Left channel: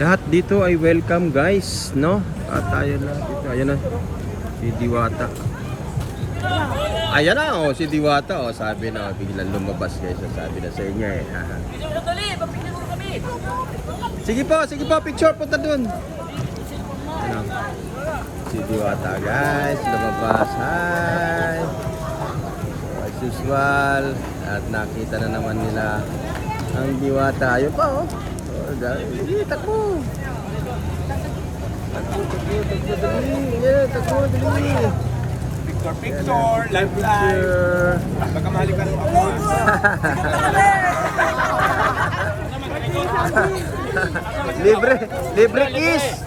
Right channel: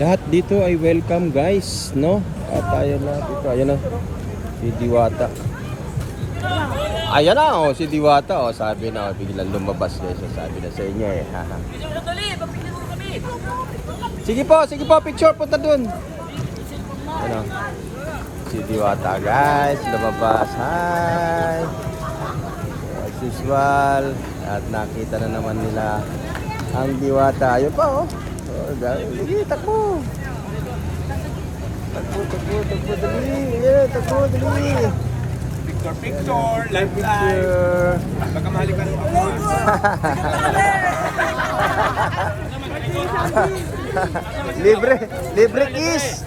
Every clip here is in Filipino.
Lahat dito ay welcome guys, no? At ayan na, dito, ayan na. Si Diwata. Ayan na, oh, si Diwata, oh, sabi na, biglang lumabas guys, sabi na sa inyo eh. Sige po, sige po, picture, punta dun. Na. Si Diwata guys, lumabas, hi! As usual, at nakita na naman nila ang Diwata. Ayun pa, oh. Oh, dahil, sige, takbo. Takbo, takbo, dali. Dali. Live live. Baka mahali ka rin ako. ah. libre, libre kiss.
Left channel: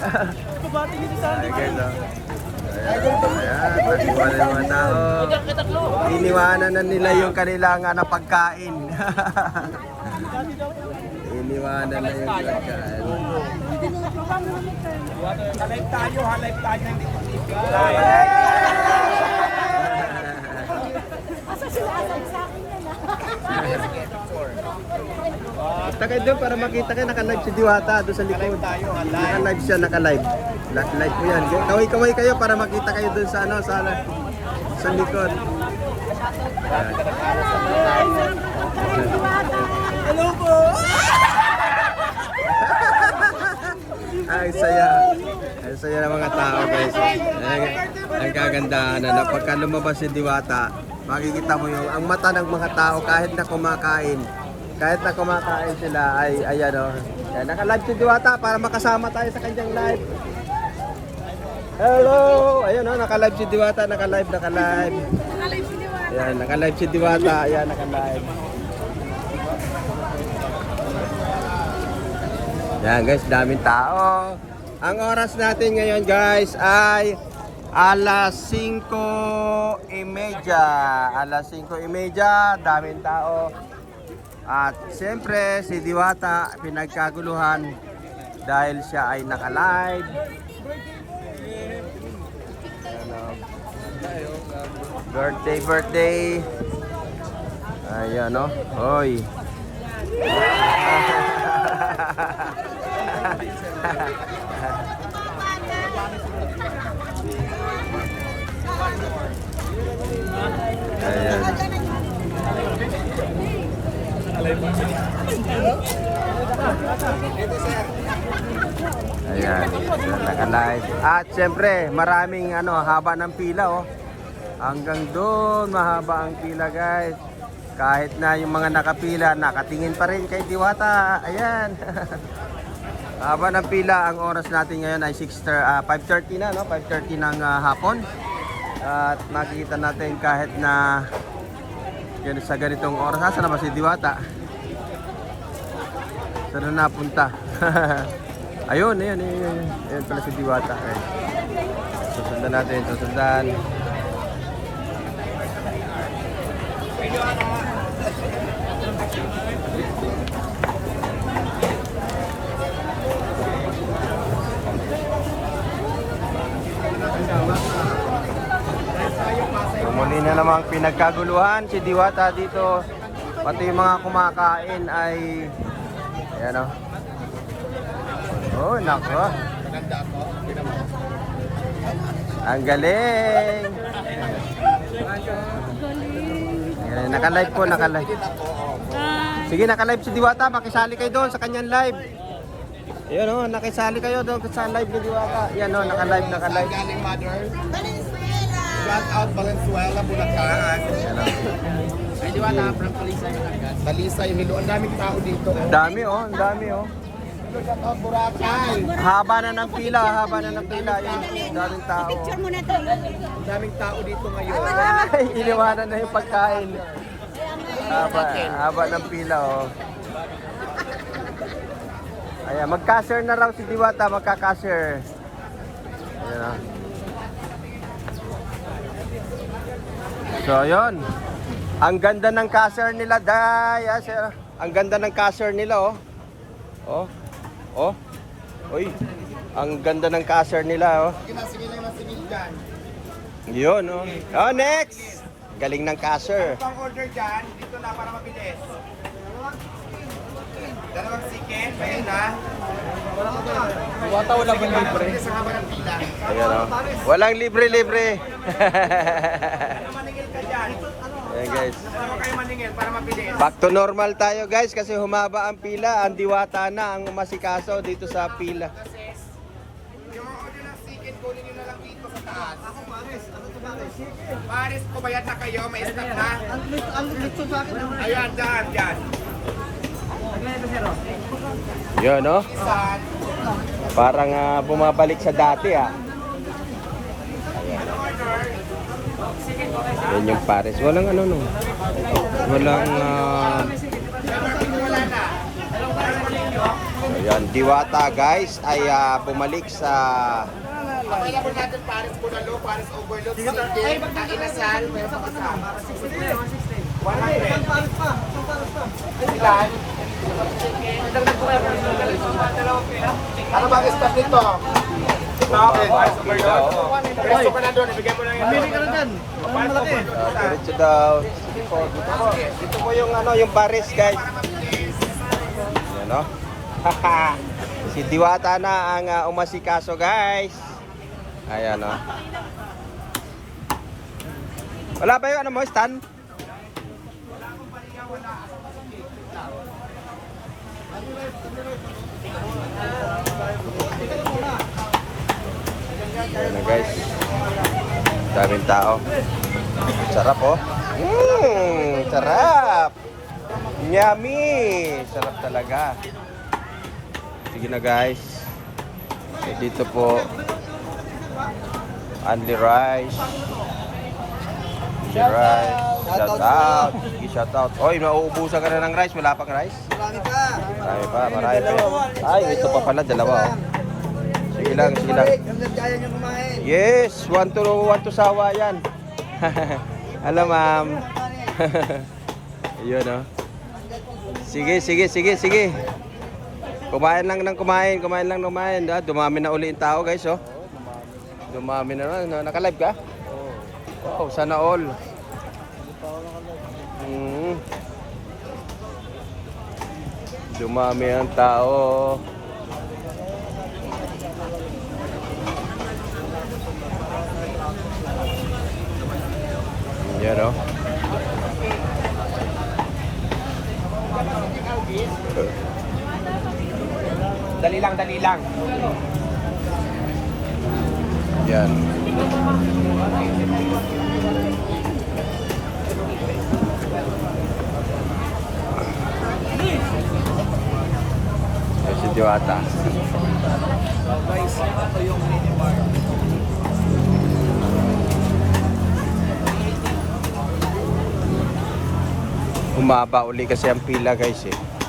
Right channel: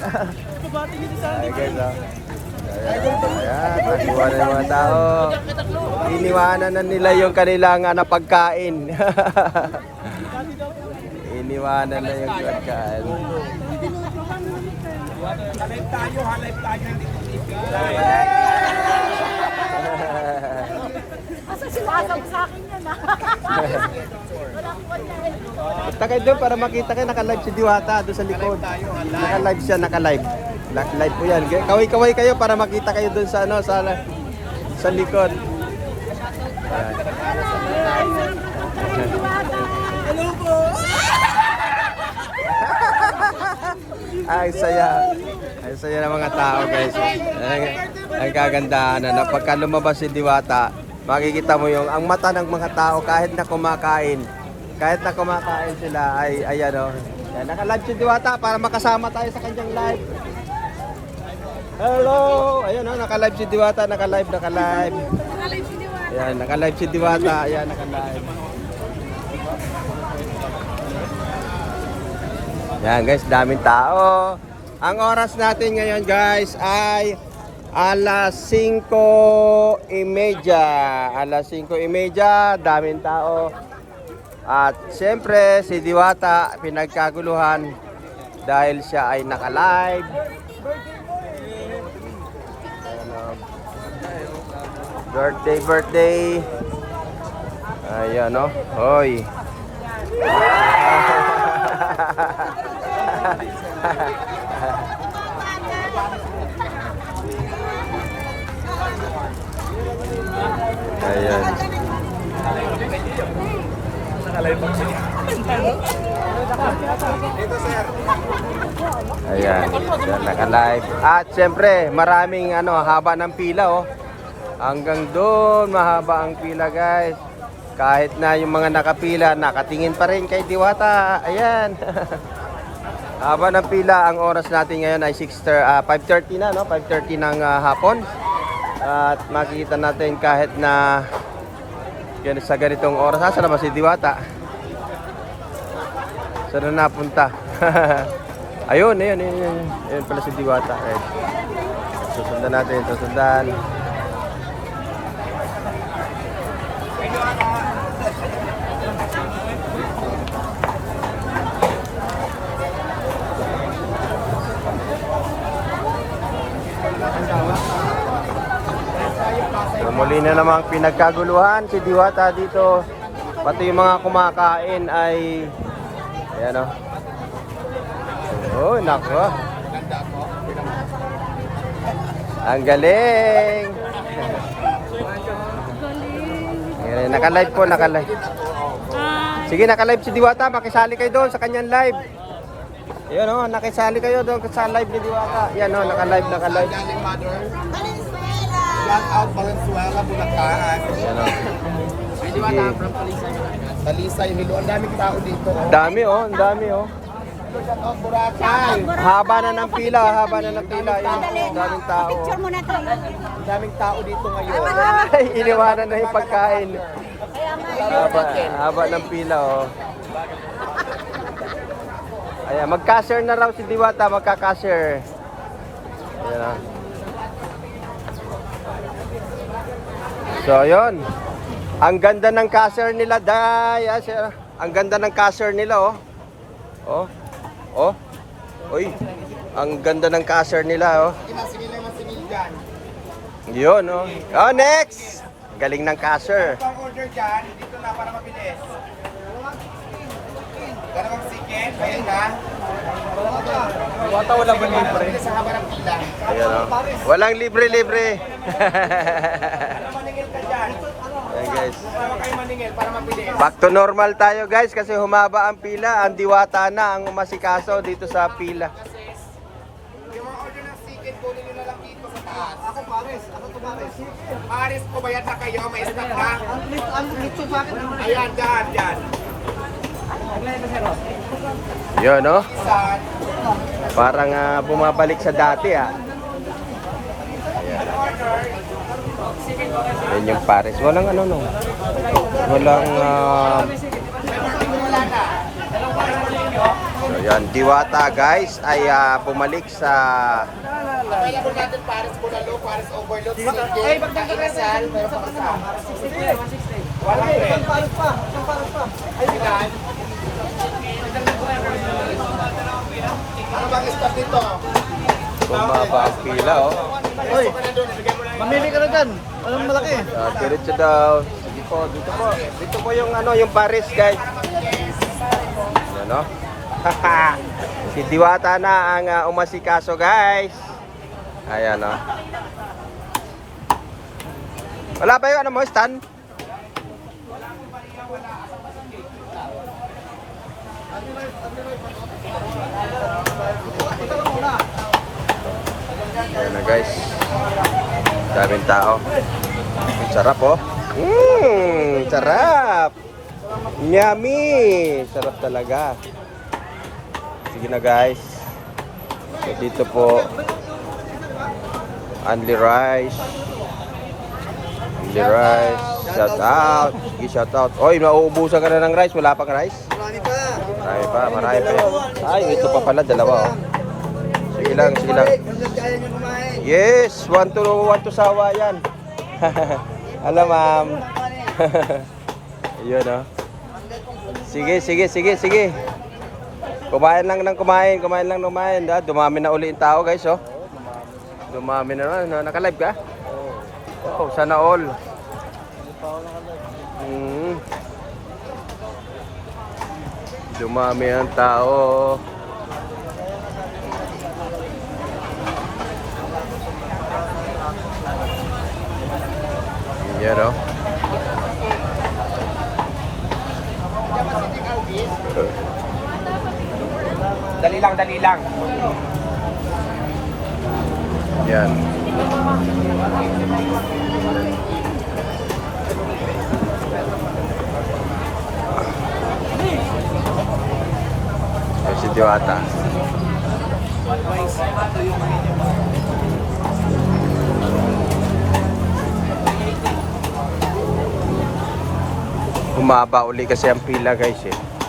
Ay, guys, oh. Ayan, natiwala ng mga tao. Iniwanan na nila yung kanilang ano, pagkain. Iniwanan na yung pagkain. Live tayo ha, live tayo. Hindi ko Asa sila asam sa akin yan ah. Kayo doon para makita kayo naka-live si Diwata doon sa likod. tayo ha, live. Naka-live siya, naka-live. Live po yan. Kaway-kaway kayo para makita kayo doon sa ano, sa, ano, sa likod. Hello po! Ay, saya. Ay, saya ng mga tao, guys. Ay, ang kagandahan na pagka lumabas si Diwata, makikita mo yung ang mata ng mga tao kahit na kumakain. Kahit na kumakain sila ay ayan oh. Naka-live si Diwata para makasama tayo sa kanyang live. Hello! Ayun oh, naka-live si Diwata, naka-live, naka-live. Nakalive si Diwata. Ayan, naka-live si Diwata. Ayan, naka-live. Yan guys, daming tao. Ang oras natin ngayon guys ay alas 5.30. Alas 5.30, daming tao. At siyempre si Diwata pinagkaguluhan dahil siya ay naka-live. Birthday, birthday. Ayan, no? Hoy. Ayan. Naka-live. At siyempre, maraming ano, haba ng pila, oh. Hanggang doon, mahaba ang pila, guys. Kahit na yung mga nakapila, nakatingin pa rin kay Diwata. Ayan. haba ng pila, ang oras natin ngayon ay 6 ah, 5.30 na, no? 5.30 ng ah, hapon. At makikita natin kahit na yan, sa ganitong oras. Saan naman si Diwata? Saan na napunta? ayun, ayun, ayun, ayun. Ayun pala si Diwata. Ayun. Susundan natin, susundan. Muli na namang pinagkaguluhan si Diwata dito. Pati yung mga kumakain ay Ayan o. Oh, nako. Maganda ako. Pinamahal. Ang galing. Galing. Ayan, naka-live po, naka-live. Oh. Hi. Sige, naka-live si Diwata. Makisali kayo doon sa kanyang live. Ayan o, nakisali kayo doon sa live ni Diwata. Ayan o, naka-live, Saan naka-live. galing, mother? Shout out Valenzuela, Bulacan. Ay, di ba na from Talisay, Bulacan? Talisay, Hilo. Ang daming tao dito. Ang Oh. dami o, ang dami o. Oh, Boracay. Haba na ng pila, haba na ng pila. Ang. Picture mo na to. Ang daming tao dito ngayon. Ay, iniwanan na yung pagkain. Haba ng pila o. Ayan, mag-cashier na lang si Diwata, magka-cashier. Ayan. So, ayun. Ang ganda ng cashier nila, day. Ang ganda ng cashier nila, oh. Oh. Oh. Uy. Ang ganda ng cashier nila, oh. Sige na, sige na yung singil dyan. Yun, oh. Oh, next. Galing ng cashier. Ito ang order dyan. Dito na para mabilis. Dalawang chicken, kaya na. Wala ba libre? Sa haba ng pila. Oh. Walang libre-libre. Maningil ka dyan. Ayan, guys. Dalawa kayo maningil para mabilis. Back to normal tayo guys kasi humaba ang pila. Ang diwata na ang umasikaso dito sa pila. Yung mga order ng chicken, kunin nyo na lang dito sa taas. Ako pares. Ako to pares. Pares ko, bayad na kayo. May stock na. Ayan, dyan, dyan. Yun, no? Parang ah, bumabalik sa dati ah. Yun yung pares. Walang ano no. Walang ah, na. ayan, diwata guys ay ah, bumalik sa Available natin pares bulalo, pares overload, chicken, kainasal, meron pang isa. 100. Pares pa, pares pa. Ilan? Ano ba stock dito? Okay, pares overload. Oy, Mamili ka na dyan. Anong malaki? diretso daw. Dito po yung ano yung pares guys. Ano? si Diwata na ang ah, umasikaso guys. Ayan oh. Wala ba yung ano mo, stand? Ayan na guys. Daming tao. Sarap oh. Mmm, sarap. Yummy. Sarap talaga. Sige na guys. So, dito po. Andy Rice. Andy Rice. Shout out. Sige, shout out. Oy, mauubusan ka na ng rice. Wala pa ka rice? Marami pa. Marami pa, marami pa. Ay, ito pa pala, dalawa. oh. Sige lang, sige lang. Hanggang kaya nyo kumain. Yes, one to one to sawa yan. Alam ma'am. Ayun oh. Sige, sige, sige, sige. Kumain lang ng kumain, kumain lang ng kumain. Ah, dumami na uli yung tao guys oh. Dumami na naman. Naka-live ka? Oh, sana all. Hmm. Dumami ang tao. Yan o. Dali lang, dali lang. Yan. O si Joata. So guys, ito yung mini Humaba uli kasi ang pila guys eh.